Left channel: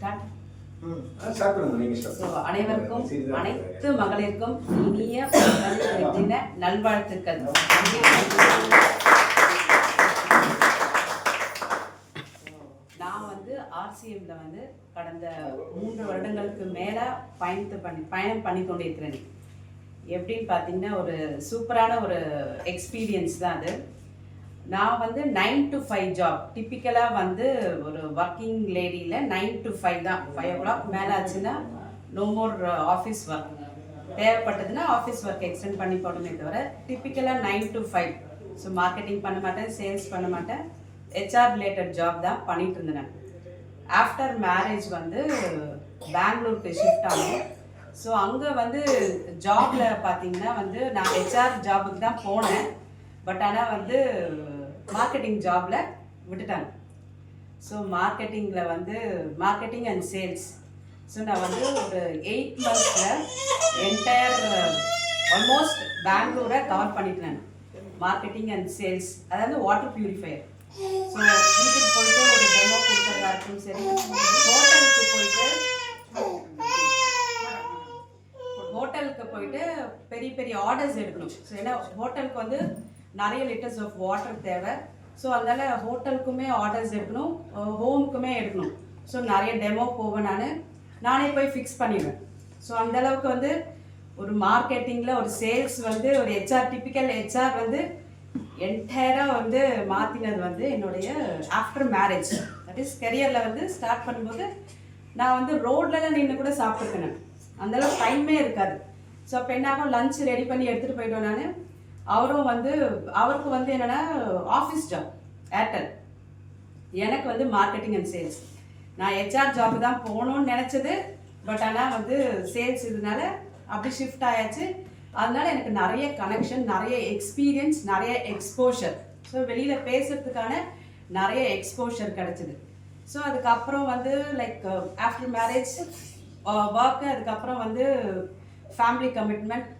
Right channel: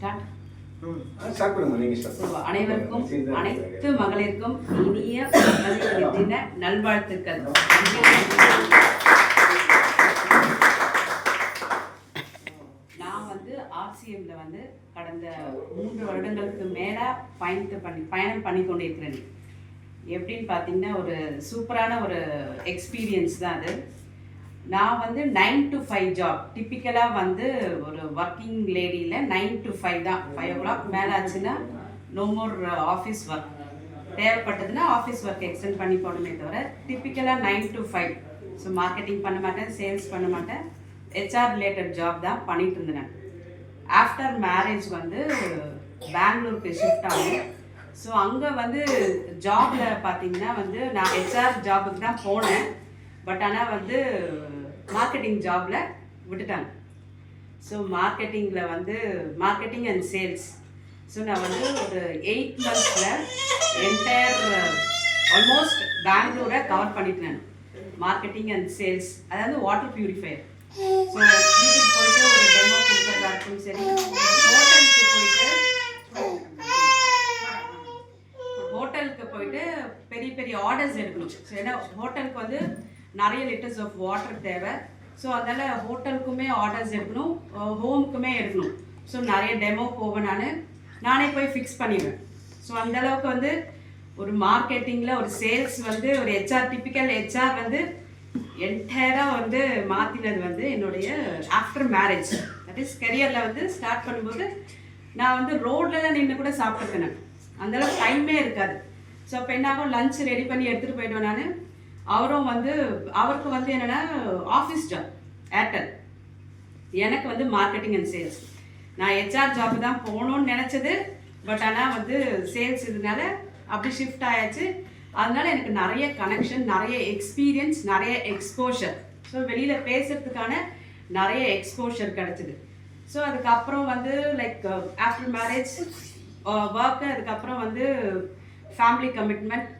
Start. அனைவருக்கும் அனைத்து மகளிருக்கும் இனிய தின நல்வாழ்த்துக்கள். நான் ஆர்சிஎம்ல கடந்த 3 வருடங்களுக்கு மேலே பயணம் பண்ணி கொண்டிருக்கிறேன். எப்படின்னு பார்த்தீங்கன்னா ஒரு சூப்பரான ஒரு எக்ஸ்பீரியன்ஸ் தான் அது. நான் 9 to 5 ஜாப் டிப்பிக்கலாக ஒரு ஒர்க்கிங் லேடியில் 9 to 5 தான். 5 o'clock மேலே ஆச்சுன்னா நோ மோர் ஆஃபீஸ் ஒர்க். தேவைப்பட்டதுன்னா ஆஃபீஸ் ஒர்க் எக்ஸ்டெண்ட் பண்ணி போடணுமே தவிர டிப்பிக்கலாக 9 to 5. ஸோ மார்க்கெட்டிங் பண்ண மாட்டேன், சேல்ஸ் பண்ண மாட்டேன், ஹெச்ஆர் ரிலேட்டட் ஜாப் தான் பண்ணிட்டு இருந்தேன். ஆஃப்டர் மேரேஜ் பெங்களூருக்கு ஷிஃப்ட் ஆகும். ஸோ அங்கே ஜாபில் பார்த்தீங்கன்னா நான் ஹெச்ஆர் ஜாபுக்கு தான் போனேன். பட் ஆனால் மார்க்கெட்டிங் ஜாபில் விட்டுட்டாங்க. So marketing and sales. So நான் ஒரு 8 monthஸில் என்டையர் ஆல்மோஸ்ட் பெங்களூரை கவர் பண்ணிட்டேன். மார்க்கெட்டிங் அண்ட் சேல்ஸ், அதாவது வாட்டர் பியூரிஃபையர். ஸோ வீட்டுக்கு போயிட்டு ஒரு டெமோ கொடுக்குறதா இருக்கும், சரி ஹோட்டலுக்கு போயிட்டு பெரிய பெரிய ஆர்டர்ஸ் எடுக்கணும். ஸோ ஏன்னா ஹோட்டலுக்கு நிறைய லிட்டர்ஸ் ஆஃப் வாட்டர் தேவை. ஸோ அதனால் ஹோட்டலுக்குமே ஆர்டர்ஸ் எடுக்கணும், ஹோமுக்குமே எடுக்கணும். ஸோ நிறைய டெமோ போவேன், நானே போய் ஃபிக்ஸ் பண்ணிடுவேன். ஸோ அந்தளவுக்கு ஒரு மார்க்கெட்டிங்கில் ஒரு சேல்ஸ் ஒரு ஹெச்ஆர் டிப்பிக்கல் ஹெச்ஆர் என்டையராக மாற்றினது என்னுடைய ஆஃப்டர் மேரேஜ். தட் இஸ் கெரியரில் ஸ்டார்ட் பண்ணும்போது நான் ரோட்லலாம் நின்று கூட சாப்பிட்டுருக்கேன். அந்தளவுக்கு டைமே இருக்காது. ஸோ அப்போ என்ன ஆகும், லஞ்ச் ரெடி பண்ணி எடுத்துகிட்டு போயிடுவேன் நான். அவரும் அவருக்கு என்னென்னா ஆஃபீஸ் ஜாப் ஏர்டெல், எனக்கு மார்க்கெட்டிங் அண்ட் சேல்ஸ். நான் ஹெச்ஆர் ஜாப் தான் போகணுன்னு நினச்சது. பட் ஆனால் சேல்ஸ் இதனால அப்படி ஷிஃப்ட் ஆயாச்சு. அதனால எனக்கு நிறைய கனெக்ஷன், நிறைய எக்ஸ்பீரியன்ஸ், நிறைய எக்ஸ்போஷர். ஸோ வெளியில் பேசுகிறதுக்கான நிறைய எக்ஸ்போஷர் கிடச்சிது. ஸோ அதுக்கப்புறம் லைக் ஆஃப்டர் மேரேஜ் ஒர்க்கு, அதுக்கப்புறம் ஃபேமிலி கமிட்மெண்ட்,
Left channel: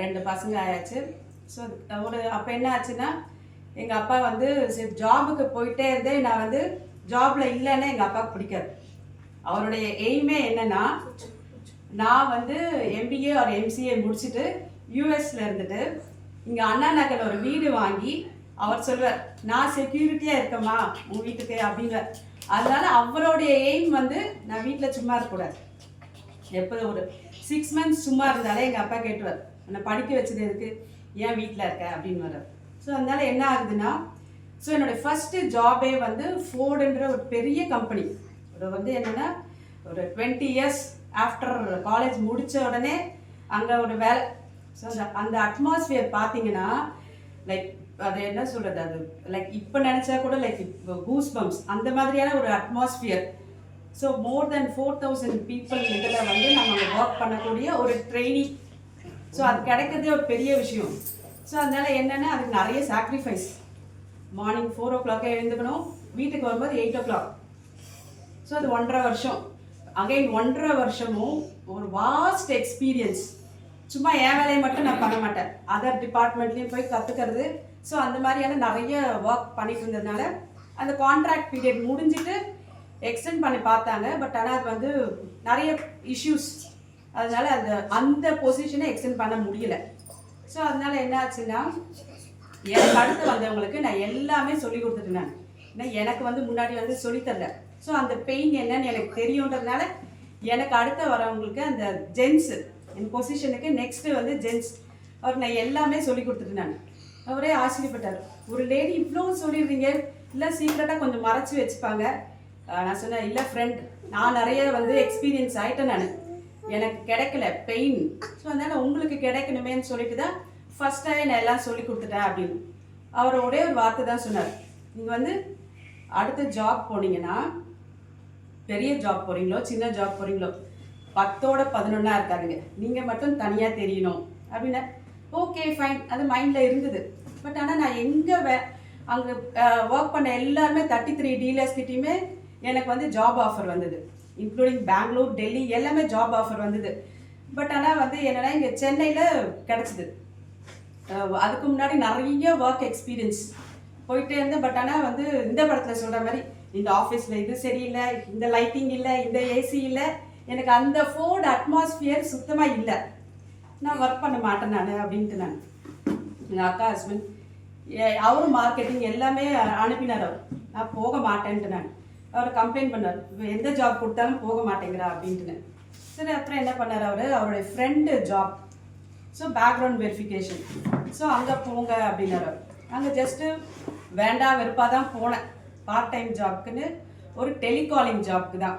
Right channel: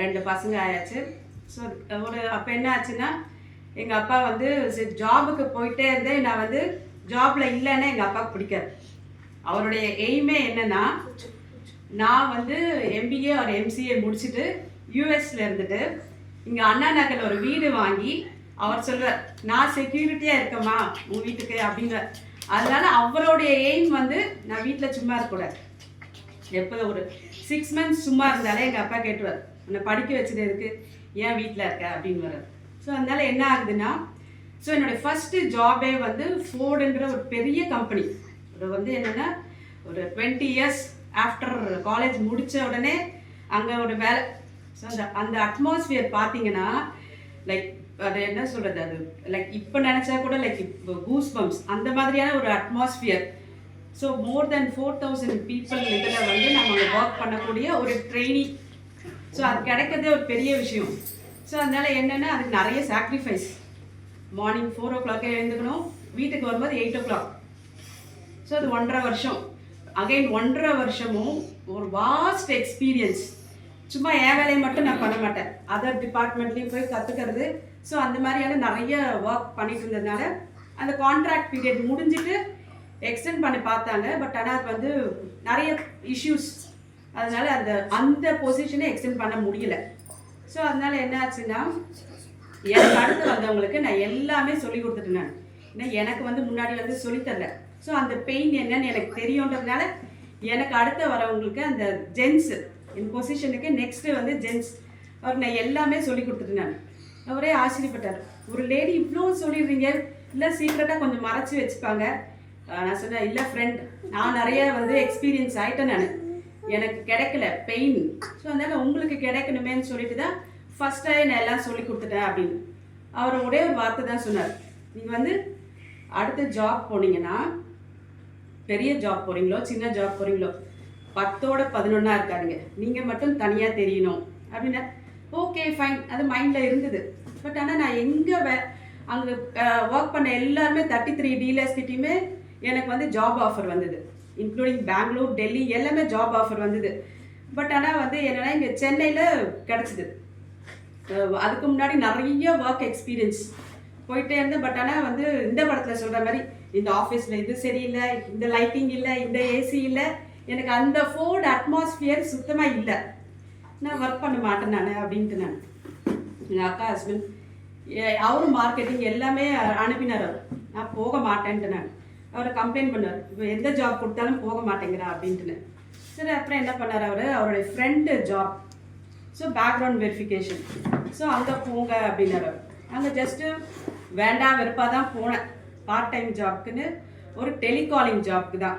2 பசங்க ஆயாச்சு. ஸோ அப்போ என்ன ஆச்சுன்னா எங்கள் அப்பா சரி ஜாபுக்கு போயிட்டே இருந்தே நான் ஜாபில் இல்லைன்னா எங்கள் அப்பாவுக்கு பிடிக்காது. அவருடைய எய்மே என்னென்னா நான் எம்பிஏ ஒரு எம்சிஏ முடிச்சுட்டு யூஎஸில் இருந்துட்டு இங்கே அண்ணா நகரில் ஒரு வீடு வாங்கி அவர் சொல்வார், நான் செக்யூரிட்டியாக இருக்கேம்மா உங்கள் வீட்டுக்கு அப்படிங்கிற. அதனால அவருடைய எய்ம் நான் வீட்டில் சும்மா இருக்கக்கூடாது. எப்போது ஒரு 6 months சும்மா இருந்தாலே எங்கள் அப்பா கேட்டுவார், என்னை படிக்க வச்சது எதுக்கு, ஏன் வீட்டில் இருக்க அப்படின்னு வர்றார். ஸோ அதனால என்ன ஆகுதுன்னா, ஸோ என்னுடைய ஃபஸ்ட்டு ஜாபே ஃபோர்டுன்ற ஒரு பெரிய கம்பெனி. அது என்னென்னா ஒரு 20 years ஆஃப்டர் காலேஜ் முடித்த உடனே அங்கே ஒரு வேலை. ஸோ அந்த அட்மாஸ்ஃபியர் பார்த்தீங்கன்னா லைக் அது என்ன சொல்கிறது, அது லைக் இப்போ நினச்சா கூட லைக் இப்போ கூஸ் பம்ப்ஸ் அந்த மாதிரியான ஒரு அட்மாஸ்ஃபியர். ஸோ மோர் தென் 4000 people இதில் நம்ம ஒர்க் பண்ணக்கூடிய ஒரு ட்ரெயினிங். ஸோ அது கிடைக்கிறதே ஒரு பெரிய விஷயம். ஸோ அதனால் என்னென்னா அதுக்கு நிறைய சாக்ரிஃபைஸ். மார்னிங் 4 o'clock எழுந்துக்கணும், வீட்டுக்கு வரும்போது 8 o'clock. ஸோ அது 1.5 வருஷம். அகைன் 1.5 வருஷமும் ஒரு வாஸ்ட் எக்ஸ்பீரியன்ஸ். சும்மா என் வேலையை மட்டும் நான் பண்ண மாட்டேன், அதர் டிபார்ட்மெண்ட்லேயும் போய் கற்றுக்கிறது. ஸோ அந்த மாதிரியான நிறைய ஒர்க் பண்ணிட்டு இருந்ததுனால அந்த கான்ட்ராக்ட் பீரியட் முடிஞ்சிட்டு எக்ஸ்டெண்ட் பண்ணி பார்த்தாங்க. பட் ஆனால் அது நிறைய இஷ்யூஸ், அதனால அந்த பொசிஷனை எக்ஸ்டெண்ட் பண்ண முடியல. ஸோ அதனால என்ன ஆச்சுன்னா எனக்கு அடுத்து வந்தவங்களுக்கு நான் எல்லாமே சொல்லி கொடுத்துட்டேன். ஏன்னா எனக்கு முன்னாடி சொல்லித்தரல. ஸோ அந்த பெயின் என்னன்னு எனக்கு தெரியுன்றதுனால எனக்கு அடுத்து வரவங்களுக்கு அந்த ஜென்ஸு என் பொசிஷனுக்கு நெக்ஸ்ட்டு ஜென்ஸ் அவருக்கு நான் எல்லாமே சொல்லி கொடுத்துட்டேன். அவரே ஆச்சரியப்பட்டார், ஒரு லேடி இவ்வளோ சொல்லிடுறீங்க, இல்லை சீக்கிரட்டாக கொஞ்சம் மறைச்சி வச்சுப்பாங்க. நான் சொன்னேன், இல்லை ஃப்ரெண்ட், நான் நிறைய எக்ஸ்பீரியன்ஸ் ஆகிட்டேன், நான் எனக்கு கிடைக்கல பெயின். ஸோ அதனால் உங்களுக்கு கிடைக்கணுமேன்னு சொல்லிட்டு தான் ஃபஸ்ட்டாக நான் எல்லாம் சொல்லி கொடுத்துட்டேன் அப்படின்னு. அவர் ஒரே ஒரு வார்த்தை தான் சொன்னார், நீங்கள் அடுத்த ஜாப் போனீங்கன்னா, பெரிய ஜாப் போகிறீங்களோ சின்ன ஜாப் போகிறீங்களோ 10ஓட 11 இருக்காதுங்க, நீங்கள் மட்டும் தனியாக தெரியணும் அப்படின்னா. ஓகே ஃபைன், அது மைண்டில் இருந்தது. பட் ஆனால் நான் எங்கே அங்கே ஒர்க் பண்ண எல்லாருமே 33 டீலர்ஸ்கிட்டையுமே எனக்கு ஜாப் ஆஃபர் வந்தது. இன்க்ளூடிங் பெங்களூர், டெல்லி எல்லாமே ஜாப் ஆஃபர் வந்தது. பட் ஆனால் என்னென்னா இங்கே சென்னையில் கிடச்சிது. அதுக்கு முன்னாடி நிறைய ஒர்க் எக்ஸ்பீரியன்ஸ் போயிட்டே இருந்தேன். பட் ஆனால் இந்த படத்தில் சொல்கிற மாதிரி இந்த ஆஃபீஸில் இது சரியில்லை, இந்த லைட்டிங் இல்லை, இந்த ஏசி இல்லை, எனக்கு அந்த ஃபோர்ட் அட்மாஸ்ஃபியர் சுத்தமாக இல்லை, நான் ஒர்க் பண்ண மாட்டேன் நான் அப்படின்ட்டு நான் எங்கள் அக்கா ஹஸ்பண்ட் அவரும் மார்க்கெட்டிங் எல்லாமே அனுப்பினார். அவர் நான் போக மாட்டேன்ட்டு நான் அவர் கம்ப்ளைண்ட் பண்ணார், இப்போ எந்த ஜாப் கொடுத்தாலும் போக மாட்டேங்கிறா அப்படின்ட்டுன்னு. சரி அப்புறம் என்ன பண்ணார் அவருடைய friend job, so background verification, so அங்கே போங்க அப்படின்னாரு. அங்கே ஜஸ்ட்டு வேண்டாம் வெறுப்பாக தான் போனேன், பார்ட் டைம் ஜாப்க்குன்னு ஒரு டெலிகாலிங் ஜாப்க்கு தான்.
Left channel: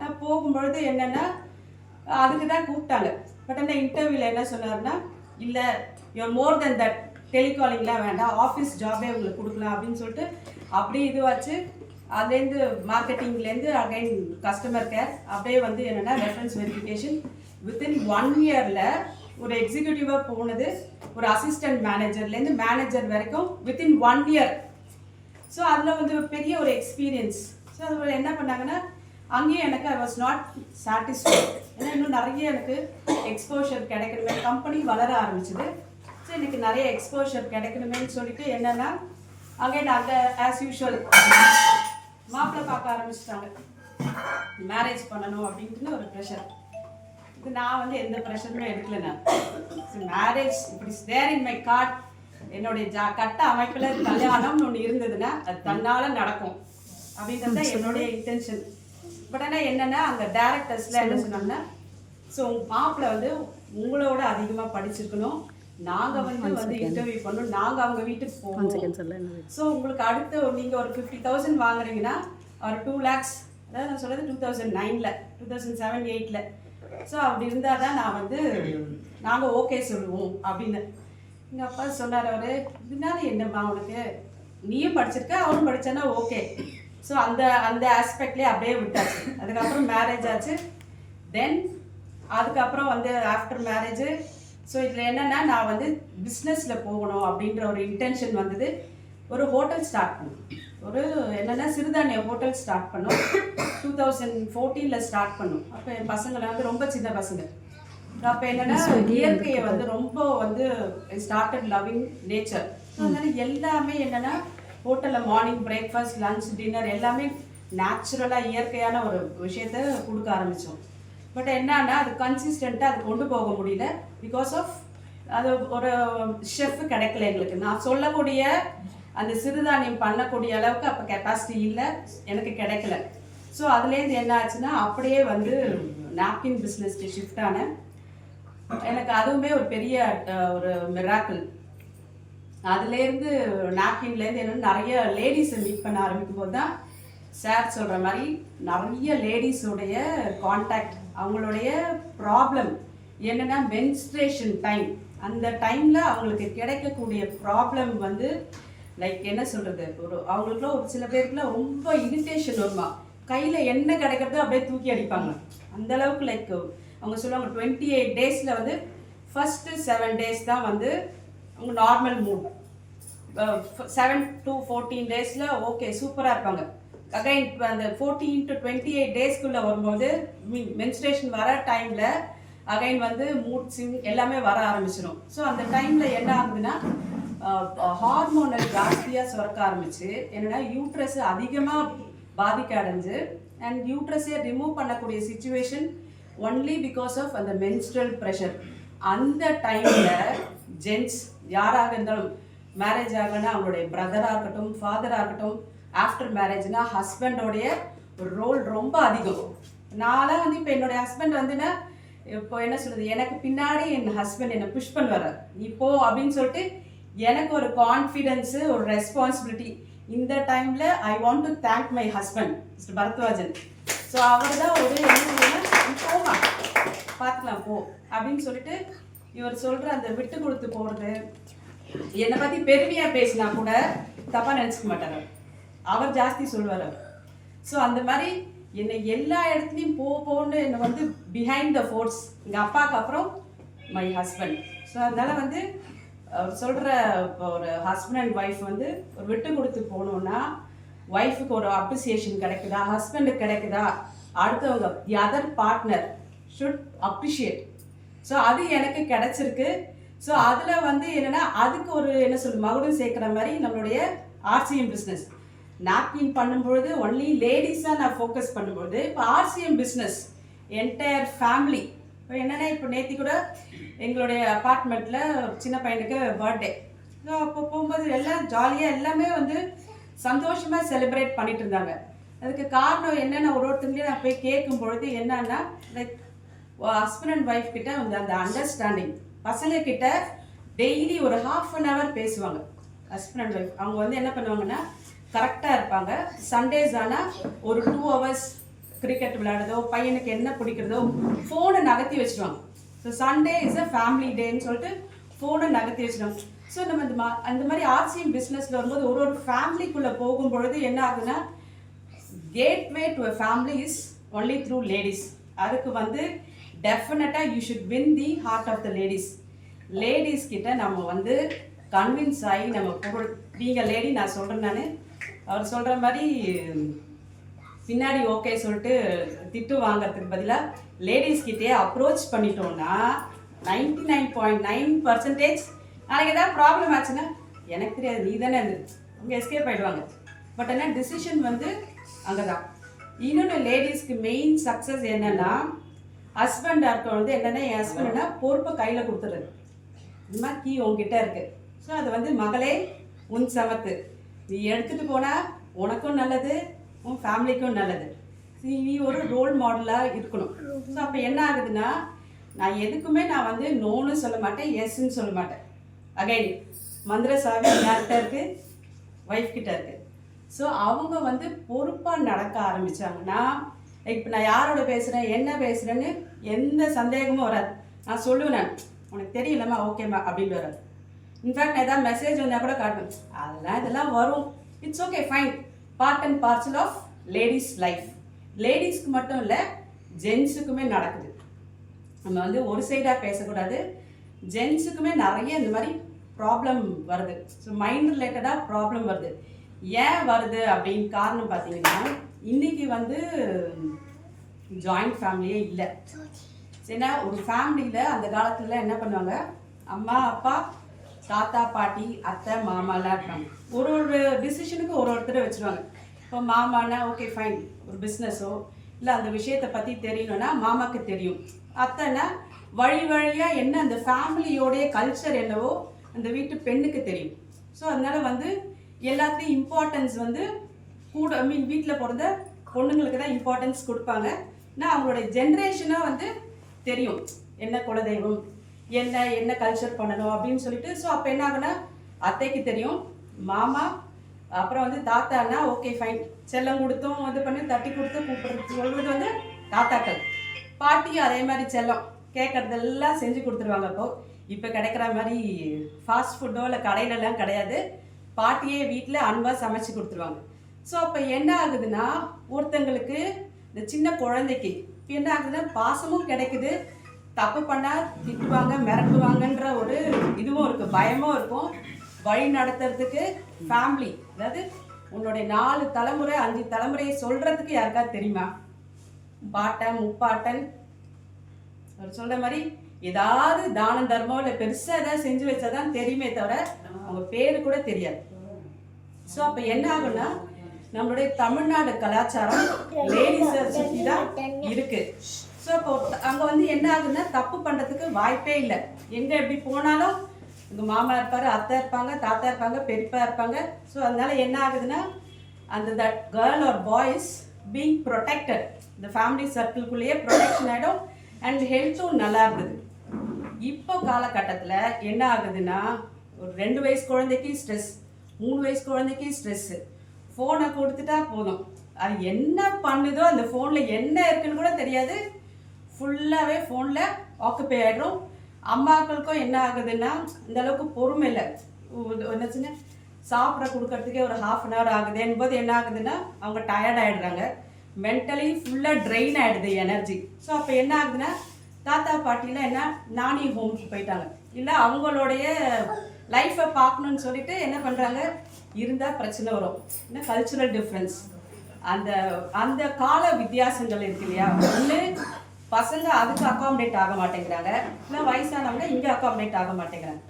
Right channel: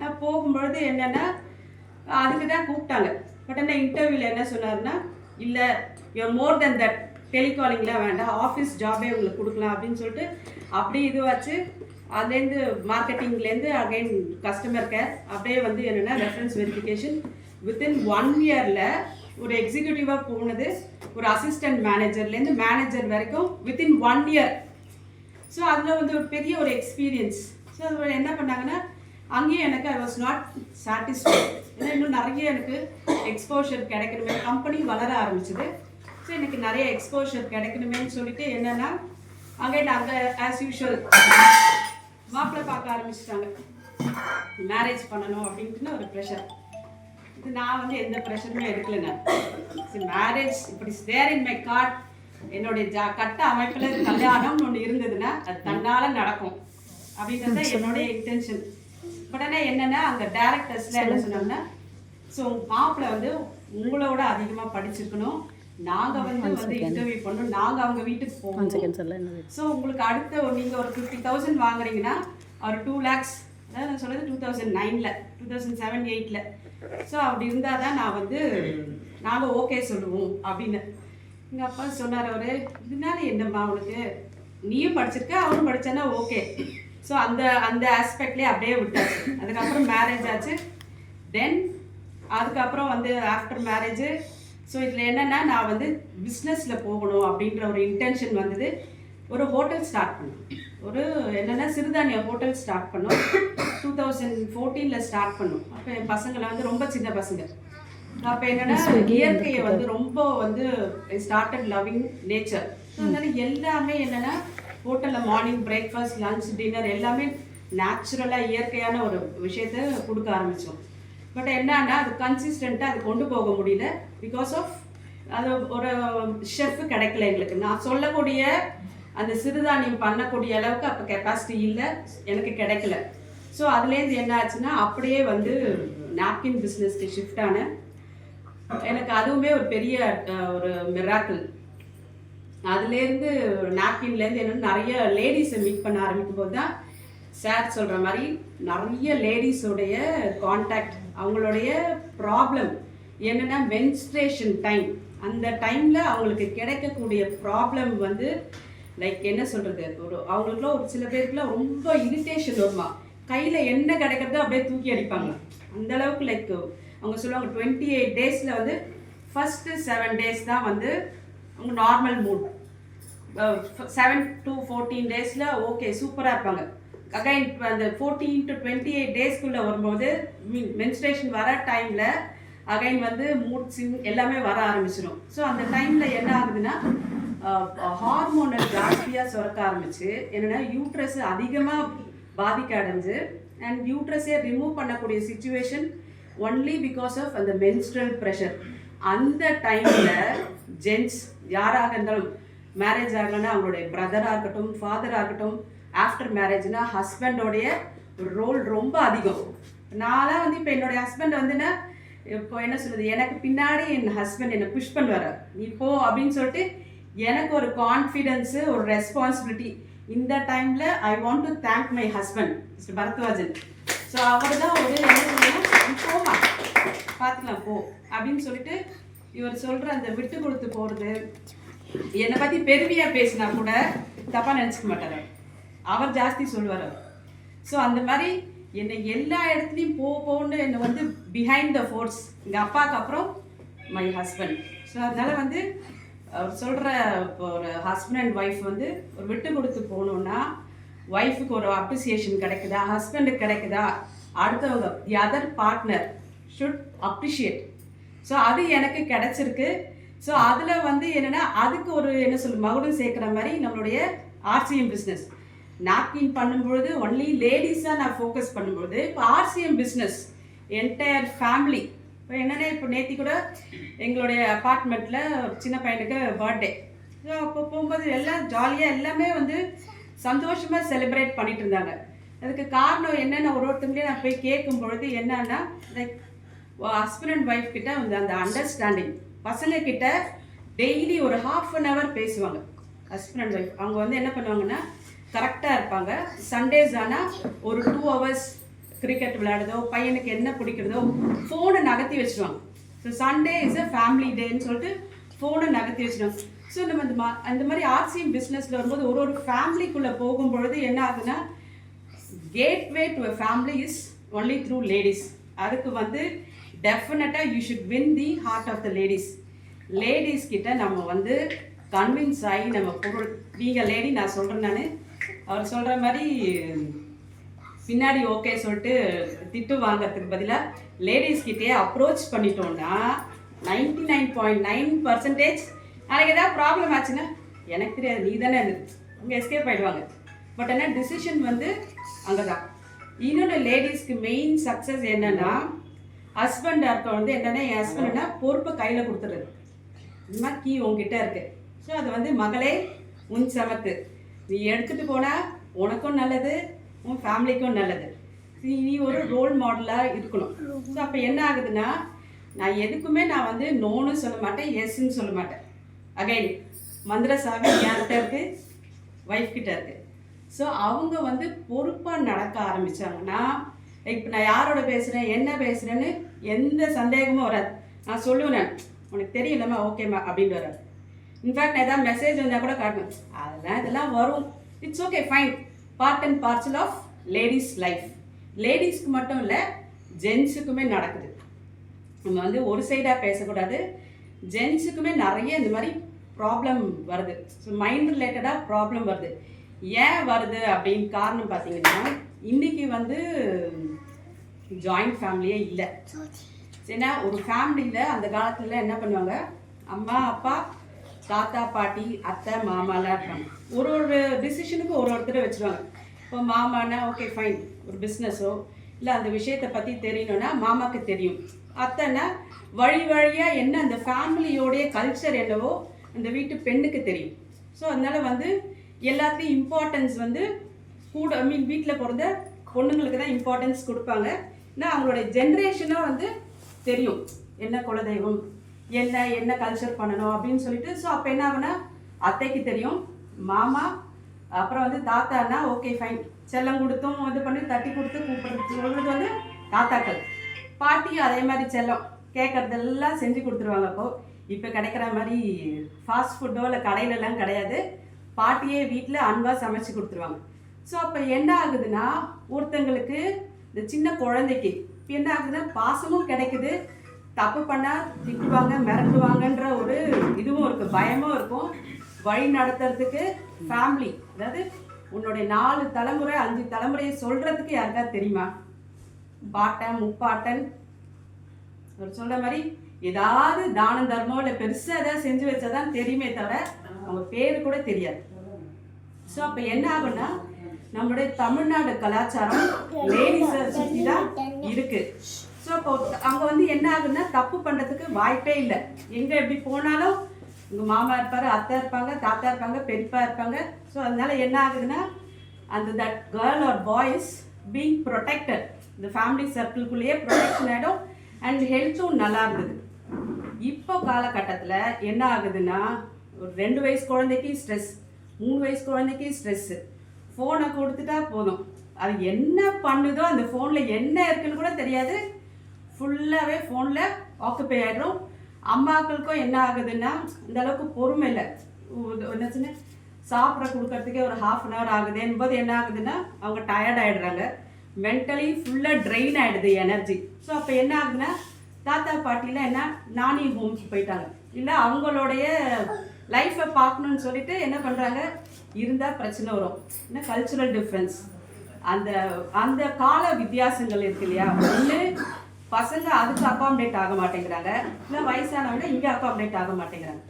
நான் போகும்பொழுது என்னென்னா அதுக்கு தான் கூப்பிட்டாங்க. பட் என்ன இன்டர்வியூவில் என்ன சொன்னார்னா, இல்லை யூஆர் மோர் தென் தட், டெலிகாலிங்லாம் வேண்டாம், ஆஃபீஸ் ஜாபே உங்களுக்கு கொடுக்கலாம் அப்படின்னு சொல்லிட்டு அப்படியே இதுவாச்சு. அதுலேருந்து மார்க்கெட்டிங்லேருந்து அகைன் கஸ்டமர் கேர் அப்படியே வந்து என்னென்னா ரெஃபரன்ஸ் வெரிஃபிகேஷன். வித்தின் 1 இயரில் ஒரு எக்ஸிக்யூட்டிவாக போனது, ஒரு அசிஸ்டன்ட் மேனேஜர்லேருந்து மேனேஜர் வரைக்கும் வித்தின் 1 இயர். ஸோ அதில் வந்து ஒரு பெரிய ஒரு எக்ஸ்பீரியன்ஸ். ஸோ அது என்ன பண்ணாங்கன்னா அங்கேயும் எனக்கு ஐ வாஸ் நாட் சாட்டிஸ்ஃபைட். ஏன்னா இன்னும் நிறைய எனக்கு எக்ஸ்போஷர் கிடைக்கணுமே, கம்பெனி வளர ஆரம்பிச்சுது. ஸோ எனக்கு நிறைய எக்ஸ்போஷர் கிடைக்கணுமேன்னு சொல்லிட்டு என்னென்னா அங்கே நாங்கள் ஆஸ் யூஷுவல் மாப்பிள்ளை பார்க்க ஆரம்பிச்சிட்டாங்க, மேரேஜ் பண்ணணும் அப்படின்ட்டுன்னு ஒரு ப்ரெஷர். இது நான் வந்து எந்த ப்ரெஷருமே எடுக்கல. நான் மேரேஜ் இப்படி தேர் இன் மை கார்ட், என்னுடைய கட்ட அமைப்பில் கல்யாணம்னு ஒன்று இருந்ததுன்னா அது தன்னால் நடக்கும் அப்படின்றது என்னுடைய இன்டென்ஷன். பட் ஆனால் என்னென்னா அந்த டேரக்டர்ஸில் என்ன சொன்னாங்கன்னா, ஸோ மாப்பிள்ளை வந்து உங்களோட அதிகமாக படிச்சிருக்கணும், நாங்கள் வந்து இன்டர்வியூ பண்ணணும், நாங்கள் அவங்க வீட்டுக்கு போகணும். ஸோ உங்களுக்கு அடுத்த நீங்கள் ஒரு 50,000 வாங்குறீங்கன்னா ஒரு 2 lakhs, அதாவது நான் சொல்கிறது 2009, 2007, 2008. ஸோ அப்படி இருந்தால் தான் நான் வந்து நாங்கள் ஓகே சொல்லுவோம் அப்படின்னு. எங்கள் அப்பா சொன்னார், அவர் இதனால என்னம்மா உனக்கு, நீயும் படிச்சிருக்க அவரும் படித்தானா ஓகே. ஸோ அந்த அந்த ஆஸ்பெக்ட்லேயே அப்படியே விட்டாச்சு. அதுக்கப்புறம் மேரேஜ் ஆச்சு. தென் அதுக்கப்புறம் வந்து ஆஃப்டர் மேரேஜு ஸோ இதில் என்னென்னா நான் வந்து பிஸ்னஸில் போகணும் அப்படின்ற ஒரு இன்டென்ஷன் வந்தது. ஒரு ஹோட்டல் ஸ்டார்ட் பண்ணோம், ஒரு என்னென்னா சிறுதானிய ஹோட்டல் ஸ்டார்ட் பண்ணோம். 2014 ஸ்டார்ட் பண்ணோம். அப்போ என் பசங்களாம் வந்து ரொம்ப சின்ன பசங்க. அப்போ என்னென்னா இயற்கையை வந்து ரொம்ப வந்து ஸ்டார்டட் லவ்விங் நேச்சர். அதனால எல்லாமே என்னென்னா ஹோட்டலில் மார்னிங் பிரேக்ஃபாஸ்ட், லன்ச், டின்னர் எல்லாமே நேச்சுரலாக இயற்கையான ஒரு விஷயத்த கொடுக்க ஆரம்பித்தோம். பட் என்னன்னா அது கன்சிஸ்டண்ட்டாக அது கொண்டு போக முடியல. பிகாஸ் ஆஃப் அது ஒரு ஷெஃப் கிடைக்கல எங்களுக்கு. நான் சொல்லக்கூடிய அந்த சிறுதானியம் பண்ணக்கூடிய அளவுக்கு அப்போ கெப்பாசிட்டி இல்லை, எனக்கு கிடைக்கல. ஸோ அதுலேருந்து என்ன ஆச்சுன்னா அப்படியே வந்து நாப்கின் பிஸ்னஸ்க்கு ஷிஃப்ட் ஆனேன். எனக்கு அதுவுமே ஒரு பெரிய ஒரு மிராக்கிள். அதுலேருந்து நாப்கின்லேருந்து என்னென்னு நிறைய லேடிஸை மீட் பண்ண ஆரம்பிக்கும் போது தான் சார் சொல்கிற மாதிரி நிறைய லேடிஸோடைய கான்டாக்ட், அவங்களுடைய ப்ராப்ளம் என்னென்னா மென்ஸ்ட்ரேஷன் டைம், அந்த டைமில் அவங்களுக்கு கிடைக்கக்கூடிய ப்ராப்ளம் வந்து லைக் என்ன சொல்கிறது, ஒரு அவங்களுக்குலாம் ஒரு சில பேருக்குலாம் ரொம்ப இரிட்டேஷன் வருமா, கையில் என்ன கிடைக்கிறதோ அப்படியே தூக்கி அடிப்பாங்க. அந்தளவுக்கு லைக் அவங்க சொல்லுவாங்க 28 days வந்து ஃபஸ்ட்டு 7 days தான் வந்து அவங்க normal mood, 7 to 14 days okay சூப்பராக இருப்பாங்க. அகைன் அந்த 14 to 28 daysக்குள்ளே வரும்போது மென்ஸ்ட்ரேஷன் வர டைமில் அகைன் வந்து மூட் ஸ்விங் எல்லாமே வர ஆரம்பிச்சிடும். ஸோ அந்த டைமில் என்ன ஆகுதுன்னா ஹார்மோனல் ஜாஸ்தியாக சுரக்க ஆரம்பிச்சு என்னென்னா யூட்ரஸ் அதிகமாக பாதிக்க அடைஞ்சு அண்ட் யூட்ரஸை ரிமூவ் பண்ணக்கூடிய சிச்சுவேஷன் ஒன்லி பிகாஸ் ஆஃப் அந்த மென்ஸ்ட்ரல் ப்ரெஷர். அந்த டைமில் ஜென்ட்ஸ் யாராக இருந்தாலும் மேரேஜ் ஆகலைன்னா அவங்களுடைய பிரதராக இருக்கட்டும், ஃபாதராக இருக்கட்டும், ஆஃப்டர் மேரேஜ்னா ஹஸ்பண்டோடைய ரோல் ரொம்ப அதிகம். நான்லாம் வந்து இப்போ என்னுடைய ஹஸ்பண்ட் வந்துன்னா இப்போ என்ன சொல்கிறது, எனக்கு பின்னாடி என் ஹஸ்பண்ட் என்னை புஷ் பண்ணுவார், இப்போ அப்படின்னு சொல்லிட்டு எனக்கு ஒரு கான்ஃபிடென்ஸு, ஒரு ரெஸ்பான்சிபிலிட்டி. இந்த டைமில் I want to thank my husband mister Bharadwajan. So அவர் தான் ஒரு என்ன போமா பார்த்துக்கலாம் போ அப்படின்னு சொல்லிட்டு இவர் சொல்கிற அந்த விட்டு கொடுத்து போகிறது, என்னை பற்றி பெருமையாக பேசினா கூட தப்பாக நினச்சிக்க மாட்டார், அவர் ஜாஸ்தி சொல்லுவார். ஸோ அந்த மாதிரி என்னை எல்லா இடத்துலையும் போன்னு என்னை வந்து பிஹைண்ட் த ஃபோர்ஸ் எங்கள் அப்பாவுக்கு அப்புறம் மை ஹஸ்பண்ட். ஸோ அதனால் வந்து அவர் சொல்கிற ஒரு ஹஸ்பண்ட் அண்ட் ஒய்ஃப் வந்து ஒரு விட்டு கொடுத்து போகணுன்னா ஒய்ஃபுக்கு ஒரு அப்ரிசியேஷன் கிடைக்குதா, ஹஸ்பண்டுக்கு கிடைக்குதா, அடுத்தவங்க the other partner should appreciate. So அது எனக்கு கிடச்சிருக்கு. ஸோ அதில் வந்து என்னென்னா அதுக்கு ஒரு என்ன மகுடம் சேர்க்குற மாதிரி நம்மளுடைய ஆர்சிஎம் பிஸ்னஸ் நாப்கின் பண்ணும்பொழுது ஒன்லி லேடிஸாக நான் ஃபோக்கஸ் பண்ணும்பொழுது இப்போ ஆர்சிஎம் பிஸ்னஸ் என்டையர் ஃபேமிலி இப்போ என்னென்னா இப்போ நேற்று கூட எங்களுடைய அப்பார்ட்மெண்ட்டில் சின்ன பையனுக்கு பர்த்டே. ஸோ அப்போ போகும்போது எல்லாம் ஜாலியாக எல்லாமே வந்து சந்தோஷமாக செலிப்ரேட் பண்ணிட்டு இருந்தாங்க. அதுக்கு காரணம் என்னென்ன ஒருத்தங்களையும் நான் போய் கேட்கும் பொழுது என்னன்னா லைக் ஹஸ்பண்ட் அண்ட் ஒய்ஃப் கிட்ட வந்து அந்த அண்டர்ஸ்டாண்டிங், பசங்க கிட்ட டெய்லி ஒரு ½ பேசுவாங்க. ஹஸ்பண்ட் அண்ட் ஒய்ஃப் அவங்க வந்து என்ன பண்ணுவாங்கன்னா கரெக்டாக இருப்பாங்க. சண்டேஸ் ஆனால் ஒரு 2 hours கிரிக்கெட் விளையாடுதோ, பையனுக்கு என்ன பிடிக்கிறதோ ஃபோனை நகர்த்தி வச்சுருவாங்க. So Sunday is a family டேன்னு சொல்லிட்டு ஃபோனை நகர்த்தி வச்சுருவாங்க. ஸோ நம்ம அந்த மாதிரி ஆர்சிஎம் பிஸ்னஸில் வரும்போது ஒரு ஃபேமிலிக்குள்ளே போகும்பொழுது என்ன ஆகுதுன்னா gateway to a family is only through ladies. அதுக்கு வந்து டெஃபினட்டாக you should win the heart of the ladies. Ladies கிட்ட நம்ம வந்து கன்வின்ஸ் ஆகி நம்ம பொருள், நீங்கள் லேடி நான் சொல்கிறேன், நான் அவர் சொல்கிற மாதிரி பின்னாடி ஓகே சொல்லிட்டு திட்டு வாங்கிறதுக்கு பதிலாக லேடிஸ்கிட்டே அப்ரோச் பண்ணிட்டோம்னா 99.9% நாளைக்கு ஏதாவது ப்ராப்ளம் ஆச்சுன்னா எனக்கு தெரியாது, நீ தானே அவங்க எஸ்கேப் ஆகிடுவாங்க. பட் ஆனால் டிசிஷன் வந்து அங்கே தான். இன்னொன்று லேடிஸ்க்கு மெயின் சக்ஸஸ் என்னென்னா ஹஸ்பண்டாக இருக்க வந்து என்னென்னா என் ஹஸ்பண்ட்னா பொறுப்பை கையில் கொடுத்துருது. இந்த மாதிரி கீ உங்ககிட்ட இருக்குது. ஸோ அது வந்து மகளே உன் சமத்து, நீ எடுத்துகிட்டு போனால் உனக்கும் நல்லது, உன் ஃபேமிலிக்கும் நல்லது. நீ ஒரு ரோல் மாடலாக இருக்கணும். ஸோ அப்போ என்ன ஆகுதுன்னா நான் எதுக்குமே நான் வந்து நோன்னு சொல்ல மாட்டேன், எஸ்ன்னு சொல்ல மாட்டேன். அகைன் மந்திர சாவி யார்கிட்ட இருக்குது? ஒய்ஃப் கிட்ட இருக்குது. ஸோ அவங்க வந்து பொறுப்பாக நடக்க ஆரம்பித்தாங்கன்னா இப்போ நான் யாரோட பேசுகிறேன் என்ன பேசுகிறேன்னு எந்த சந்தேகமும் வராது. நான் சொல்லுவேன் உனக்கு தெரியலம்மா ஓகேம்மா அப்படின்னு வராது. இன்ஃபேக்ட் நான் ஏதாவது மெசேஜ் வந்தால் கூட காட்டணும், அதெல்லாம் இதெல்லாம் வரும், it's okay fine, part and parcel of ladies life. லேடிஸ்க்கு மட்டும் இல்லை ஜென்ஸுக்குமே நடக்குது. நம்ம வந்து ஒரு சைடாக பேசக்கூடாது. ஜென்ஸுக்குமே நிறைய இந்த மாதிரி ப்ராப்ளம் வருது. ஸோ மைண்ட் ரிலேட்டடாக ப்ராப்ளம் வருது. ஏன் வருது அப்படின்னு காரணம் பார்த்தீங்கன்னா இன்றைக்கி வந்து ஜாயிண்ட் ஃபேமிலியே இல்லை. ஏன்னா ஒரு ஃபேமிலியில் அந்த காலத்தில் என்ன பண்ணுவாங்க, அம்மா அப்பா தாத்தா பாட்டி அத்தை மாமாலாம் இருப்பாங்க. ஒரு டிசிஷனுக்கு ஒருத்தரை வச்சுருவாங்க. இப்போ மாமானா ஓகே ஃபைன், ஒரு பிஸ்னஸோ இல்லை அந்த விஷயத்தை பற்றி தெரியணுன்னா மாமாவுக்கு தெரியும். அத்தைன்னா வழி வழியாக என்ன அந்த ஃபேமிலியோடைய கல்ச்சர் என்னவோ அந்த வீட்டு பெண்ணுக்கு தெரியும். ஸோ அதனால் வந்து எல்லாத்தையும் இம்பார்ட்டன்ஸ் வந்து கூட வீட்டில் பிறந்த பொண்ணுங்களுக்கு தான் இம்பார்ட்டன்ஸ் கொடுப்பாங்க. ஏன்னா அவங்களுடைய ஜென்ரேஷனாக வந்து தெரியும் என்ன குலதெய்வம், என்ன கல்ச்சர் பண்ணணும் அப்படின்னு சொல்லிட்டு. ஸோ அப்போ என்ன ஆகுனா அத்தைக்கு தெரியும், மாமா அப்புறம் வந்து தாத்தானா ஓகே ஃபைன், செல்லம் கொடுத்தும் இது பண்ணி தட்டி கொடுத்து கூப்பிடுறது சொல்கிறது வந்து தாத்தாக்கள். பாட்டியும் அதே மாதிரி செல்லம் கேட்குறதெல்லாம் செஞ்சு கொடுத்துருவாங்க. இப்போ கிடைக்கிற மாதிரி ஃபாஸ்ட் ஃபுட்டோ இல்லை கடையிலலாம் கிடையாது. பாட்டியே வீட்டில் அன்பாக சமைச்சு கொடுத்துருவாங்க. ஸோ அப்போ என்ன ஆகுதுன்னா ஒருத்தங்களுக்கு இந்த சின்ன குழந்தைக்கு என்ன ஆகுதுன்னா பாசமும் கிடைக்குது, தப்பு பண்ணால் திட்டுவாங்க மிரட்டுவாங்கன்ற ஒரு இதுவும் இருக்குது, பயமும் இருக்கும். வழி நடத்துறதுக்கு ஃபேமிலி, அதாவது உன்னுடைய 4 தலைமுறை 5 தலைமுறையை சொல்கிறதுக்கு யாருக்காவது தெரியுமா? பாட்டன் முப்பாட்டன் அவர் சொல்கிற மாதிரி ஏதாவது தானம் தர்மம் இல்லை பெருசாக ஏதாவது செஞ்சு வச்சாதான் தெரியுமே தவிர அவங்க பேர் கூட தெரியாது. ஸோ அப்போ என்ன ஆகுன்னா நம்மளுடைய தமிழ்நாடு கலாச்சாரம் லேடிஸை சுற்றி தான் இருக்குது. ஸோ அப்போ அங்கே வந்து என்ன ஆகுதுன்னா தப்பு பண்ணுறதுக்கு வாய்ப்பே இல்லை. எங்கே எப்படி போனாலும் உங்கள் மாமா இருப்பார், அத்தை இருப்பாங்க, தாத்தா இருப்பாங்க, பெரியப்பா இருப்பாங்க. ஸோ அதனால என்ன ஆகுதுன்னா அந்த that girl or boys being protected, இந்த ஃபேமிலி சர்க்கிள்குள்ளேயே ப்ரொடெக்ஷன் ஆகிடும் அண்ட் ஹெல்த்தும் நல்லா இருந்தது. இப்போ காலகட்டத்தில் என்ன ஆகுதுன்னா ஒரு 2 வயசு குழந்தைக்கு ஸ்ட்ரெஸ், 3 வயசு குழந்தைக்கு ஸ்ட்ரெஸ்ஸு. ஃபோனை கொடுத்துட்டா போதும், அது என்ன பண்ணுதோ அந்த ஃபோனில் என்ன இருக்குன்னு கூட தெரியாது, ஃபுல்லாகவே ஃபோனில் ஆக்குப்பை ஆகிடும். அம்மாக்களுக்கும் என்ன ஆகுதுன்னா இந்த அளவுக்கு பொறுமை இல்லை. என்னச்சுன்னா சாப்பிட கொடுக்கறதுக்கே ஒரு ½ hour ஆகுது என்பது என்ன ஆகுதுன்னா அவங்க டயர்ட் ஆகிடுறாங்க, மென்டலி ஃபுல்லாக ட்ரெயின் ஆகிடுது எனர்ஜி. ஸோ அப்போ என்ன ஆகுதுன்னா தாத்தா பாட்டியில் என்ன நானி ஹோம்க்கு போயிட்டாங்க, இல்லை அவங்களுடைய லைஃப்பை பார்க்கணுன்னு சொல்லிட்டு என்ன பண்ணுறாங்க, இருந்தால் பிரச்சனை வரும். ஏன்னா கல்ச்சுரல் டிஃப்ரென்ஸ், அந்த அந்த கால வித்தியாசங்கள் இருக்கு இல்லையா. ஒன்று பசங்க அதுக்கு அக்காமடேட் ஆக மாட்டேங்கிறாங்க, இல்லை வயசானவங்க இங்கே அக்காமடேட் ஆக மாட்டேங்கிறாங்க.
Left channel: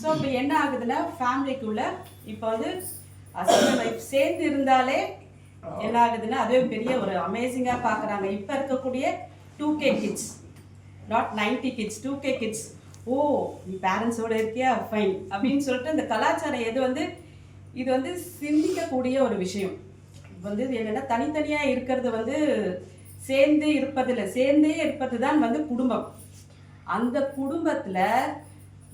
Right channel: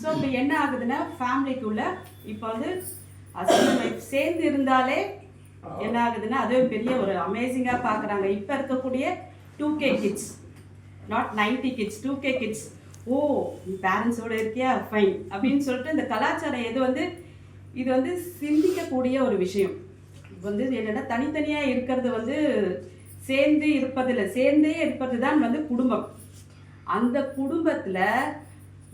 ஸோ இப்போ என்ன ஆகுதுன்னா ஃபேமிலிக்குள்ளே இப்போ வந்து ஹஸ்பண்ட் ஒய்ஃப் சேர்ந்து இருந்தாலே என்ன ஆகுதுன்னா அதுவே பெரிய ஒரு அமேசிங்காக பார்க்குறாங்க. இப்போ இருக்கக்கூடிய 2K kids, not 90 kids, 2K kids. ஓ நீ பேரண்ட்ஸோடு இருக்கியா, ஃபைன் அப்படின்னு சொல்லிட்டு இந்த கலாச்சாரம் இது வந்து சிந்திக்கக்கூடிய ஒரு விஷயம். வந்து என்னென்னா தனித்தனியாக இருக்கிறது வந்து சேர்ந்தே இருப்பது தான் வந்து குடும்பம். அந்த குடும்பத்தில்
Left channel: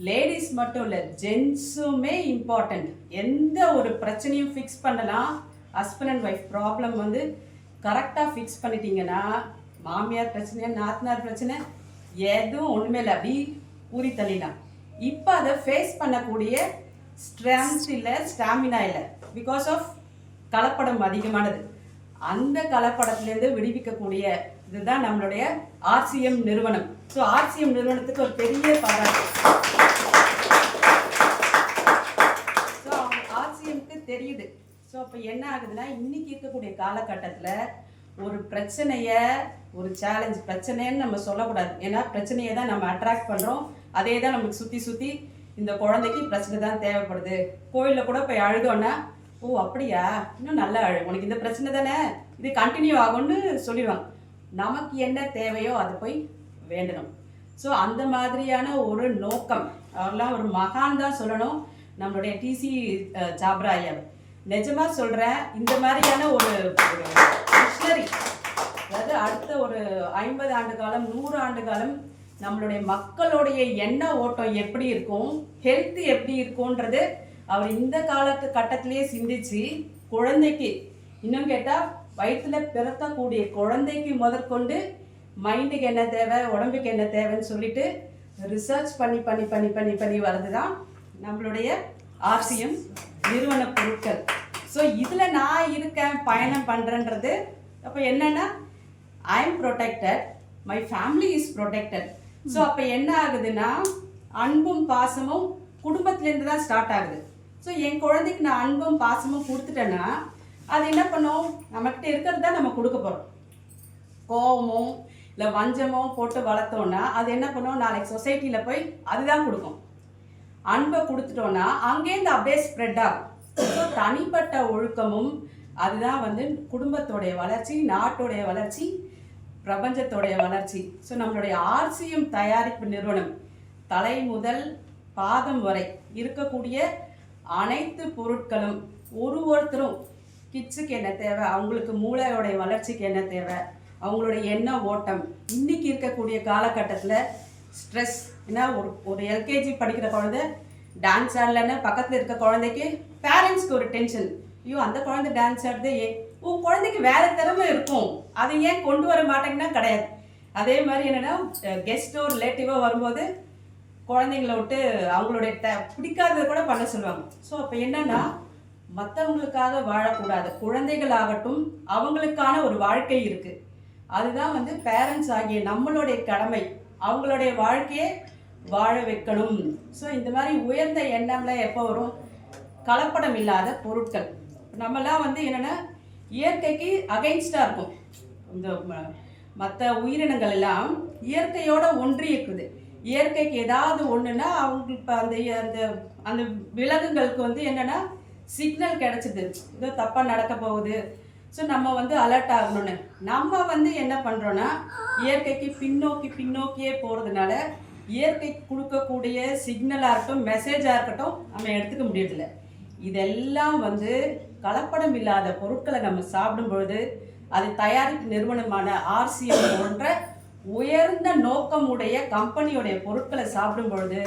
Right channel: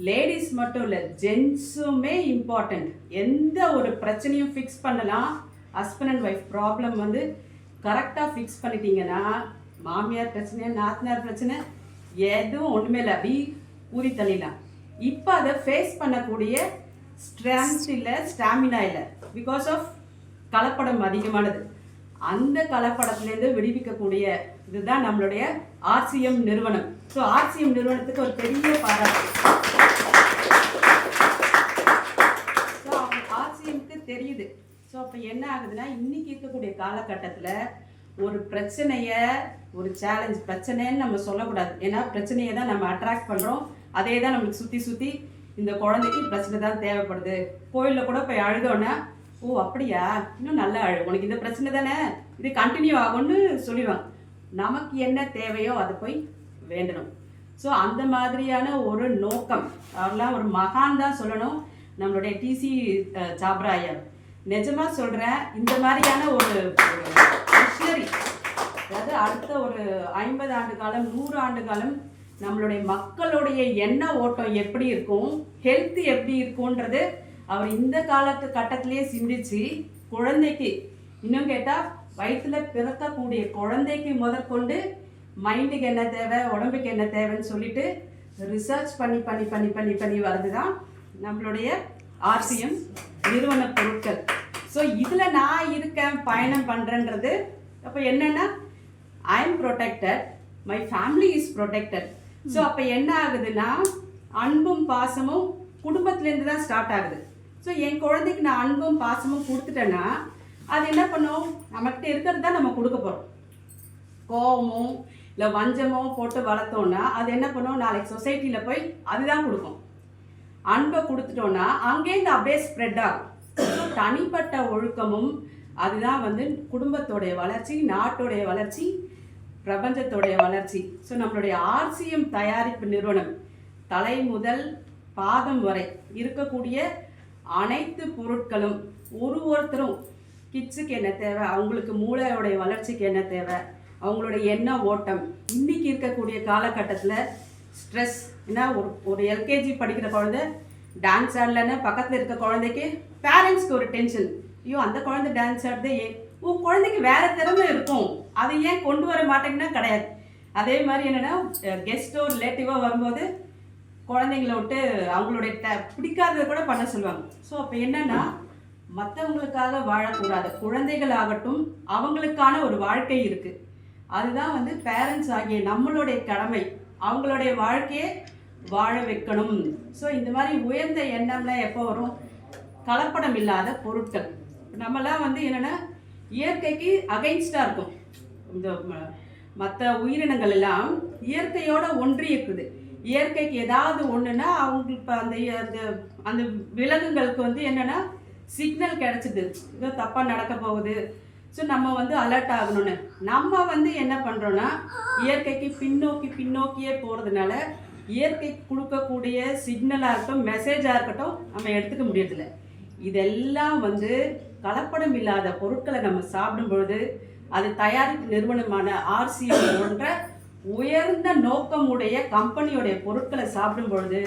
லேடிஸ் மட்டும் இல்லை, ஜென்ஸுமே இம்பார்ட்டண்ட். எந்த ஒரு பிரச்சனையும் ஃபிக்ஸ் பண்ணலாம். ஹஸ்பண்ட் அண்ட் ஒய்ஃப் ப்ராப்ளம் வந்து கரெக்டாக ஃபிக்ஸ் பண்ணிட்டீங்கன்னா மாமியார் பிரச்சனை, நாத்தனார் பிரச்சனை எதுவும் ஒன்றுமே இல்லை, அப்படி ஊறி தள்ளிடலாம். இப்போ அதை ஃபேஸ் பண்ணக்கூடிய ஸ்ட்ரென்த் இல்லை, ஸ்டாமினா இல்லை, பிகாஸ் ஆஃப் கலப்படம் அதிகமானது. அந்த கலப்படத்துலேருந்து விடுவிக்கக்கூடிய இதுதான் நம்மளுடைய RCM நிறுவனம். ஸோ RCM நிறுவனத்துக்கு ஒரு பெரிய பாராட்டு. ஸோ அவங்க RCMக்கு தெரியுது. ஸோ அப்போ என்ன ஆகுதுன்னா இன்னைக்கு இருக்கக்கூடிய காலகட்டத்தில் ஒரு பிரச்சனையை, ஒரு சேலஞ்ச், பிரச்சனைன்னு நம்ம சொல்லக்கூடாது. ஏன்னா பிரச்சனையை தான் நம்ம அட்ராக்ட் பண்ணுறோம். அதே தான் நமக்கு சுற்றி இந்த குழந்தைக்கு பிரச்சனை தான் தேவைப்படுது. கோயிலில் கூட போய் அழுதோன்னா, ஓ அப்படியா, இன்னும் நல்லா அழு, உனக்கு இந்த பிரச்சனை தானே, இது கண்டினியூ ஆகும்னு சொல்லிடுவாங்க. நமக்கு என்ன தேவையோ அதை போய் வேண்டணும். ஸோ அந்த மாதிரியான ஒரு நோக்கம், அவரெல்லாம் ஒரு மகான் தான் சொல்லணும், நம்மளுடைய TC சாப்ரா ஐயா. நிஜமாக சொல்கிறேன், இந்த மாதிரியான ஒரு மிஷனரி, அதாவது அடுத்த ஒரு 50 ஆண்டு காலம், 100 ஆண்டு காலம் நம்மளுடைய மக்களுடைய எண்ண ஓட்டம் எப்படி இருக்கும், ஹெல்த் எப்படி இருக்கும்ன்றது அவர் இந்த கட்டத்திலேயே சிந்திச்சு குழந்தைக்கு, இன்னும் கேட்டால் வயிற்றில் பிறக்கக்கூடிய குழந்தைக்கு முதற்கொண்டு மைண்டுக்கு என்ன தேவை, உடம்புக்கு என்ன தேவைன்னு சொல்லிட்டு ரிசர்ச் பண்ணி வர்றது தான் நம்மளுடைய RCM நிறுவன பொருட்கள். ஸோ இதில் நான் இருக்கேன், பயணம் பண்ணுறேன்றது அப்போ என்னென்னா I am protected, my family is protected. So அப்போ என்ன ஆகுதுன்னா அன்பும் பாசமும் குடும்பத்துலேருந்து தான் ஸ்டார்ட் ஆகுது. ஸோ என் குழந்தைக்கு நான் அன்பும் பாசமும் கொடுத்துட்டேன்னா அது என்ன பண்ணும், நம்மகிட்ட இருக்கிறது தான் நம்ம கொடுக்க போகிறோம். கோவமோ இல்லை வஞ்சமோ போட்டு வளர்த்தோன்னா அது என்ன பண்ணும், நாளைக்கு சொசைட்டியில் போய் அதுதான் கொடுக்கும். அன்பை கொடுத்துட்டோன்னா அங்கேருந்து அப்படியே ஸ்ப்ரெட் ஆகும். ஸோ தனிப்பட்ட ஒழுக்கமும் அதுதான் வந்து குடும்பத்தோடைய வளர்ச்சி, நாட்டோடைய வளர்ச்சி, பிரபஞ்சத்தோடைய வளர்ச்சி. ஸோ நம்மளுடைய RCM தயாரிப்பு நிறுவனம் தலை முதல் பாதம் வரை இருக்கக்கூடிய அனைத்து பொருட்களும் ஒருத்தரும் கிட்ஸுக்கு என்ன தேவை, அவங்களுக்கு மூளையோடைய வளர்ச்சிக்கு என்ன தேவை, அவங்களுடைய எண்ண ஓட்டம், இன்னைக்கு இருக்கக்கூடிய காலகட்டத்தில் ஸ்ட்ரெஸ். ஏன்னா ஒரு LKG படிக்கிற குழந்தை டான்ஸ் ஆடலன்னு பக்கத்தில் இருக்க குழந்தைக்கு பேரண்ட்ஸ்க்கு ஒரு டென்ஷன், ஐயோ அந்த குழந்தை டான்ஸ் ஆடுது, உன் குழந்தைக்கு வேறு திறமை இருக்கும், அதை ஏன் கொண்டு வர மாட்டேங்கன்னா கிடையாது. அதே மாதிரி என்னென்னா கெஸ்ட்டோ ரிலேட்டிவோ வரும்போது குழந்தைங்கள விட்டு அவங்களுடைய பிடிக்காததை கூட பண்ண சொல்லுவாங்க. ஸோ அப்போ என்னென்னா மற்றவங்களுக்காக வாழக்கூடாது, குழந்தைகளாகட்டும் அவங்களுக்கான ஒரு வாழ்க்கை இருக்குது. அதுதான் வந்து பேரண்ட்ஸ் ஆகிய நம்மளுடைய கடமை, அவங்களுடைய வாழ்க்கையை வாழ வைக்கணும். ஸோ இந்த மாதிரி உயர்ந்த எண்ணம்லாம் எப்போ வரும், கலப்படம் இல்லாத பொருட்கள். நம்மலாம் வந்து என்னென்னா இயற்கைக்கு அகைன்ஸ்டாக இருக்கும். இந்த மற்ற உயிரினங்கள் எல்லாம் இயற்கையோட ஒன்றி இருக்குது. இயற்கைக்கு ஏதாவது ஒன்றுனா அவங்களுக்கு இப்போ அந்த விலங்குகளுக்கு வந்து என்னென்னா சிக்னல் கிடச்சிது, ஏதோ தப்பாக நடக்க போகுது, ஸோ நம்ம வந்து அலர்ட் ஆகணும்னு. நம்ம வந்து என்ன பண்ணுறோன்னா இயற்கைக்கு பின்னோக்கியே போகிறதுனால இயற்கை கொடுக்கக்கூடிய சிக்னலாக இருக்கட்டும், மெசேஜாக இருக்கட்டும் நம்ம எடுத்துக்க முடியறதில்ல. இதெல்லாம் வந்து கலப்படம் இல்லாத பொருட்களை நம்ம சாப்பிடும் பொழுது, அது தயாரிப்பு நிறுவனமான RCM போன்ற உயர்ந்த நோக்கமுடைய கம்பெனியோடைய பொருட்களை சாப்பிடும் பொழுது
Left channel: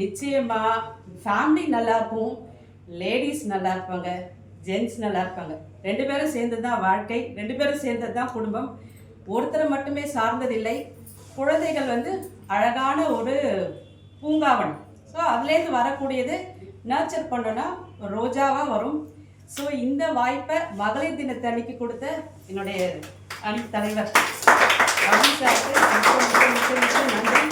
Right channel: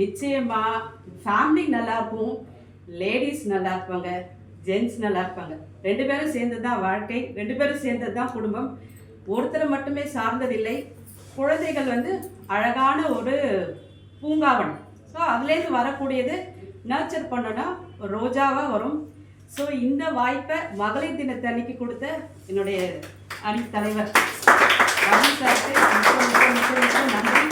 நிச்சயமாக ஃபேமிலி நல்லாயிருக்கும், லேடிஸ் நல்லா இருப்பாங்க, ஜென்ட்ஸ் நல்லா இருப்பாங்க. 2 பேரும் சேர்ந்தது தான் வாழ்க்கை, 2 பேரும் சேர்ந்தது தான் குடும்பம். ஒருத்தரை மட்டுமே சார்ந்ததில்லை. குழந்தைகள் வந்து அழகான ஒரு பூங்காவனம். ஸோ அதுலேருந்து வரக்கூடியது நர்ச்சர் பண்ணோன்னா ரோஜாவாக வரும். ஸோ இந்த வாய்ப்பை மகளிர் தினத்தன்னைக்கு கொடுத்த என்னுடைய அணி தலைவர் ரவி சாருக்கு நன்றி.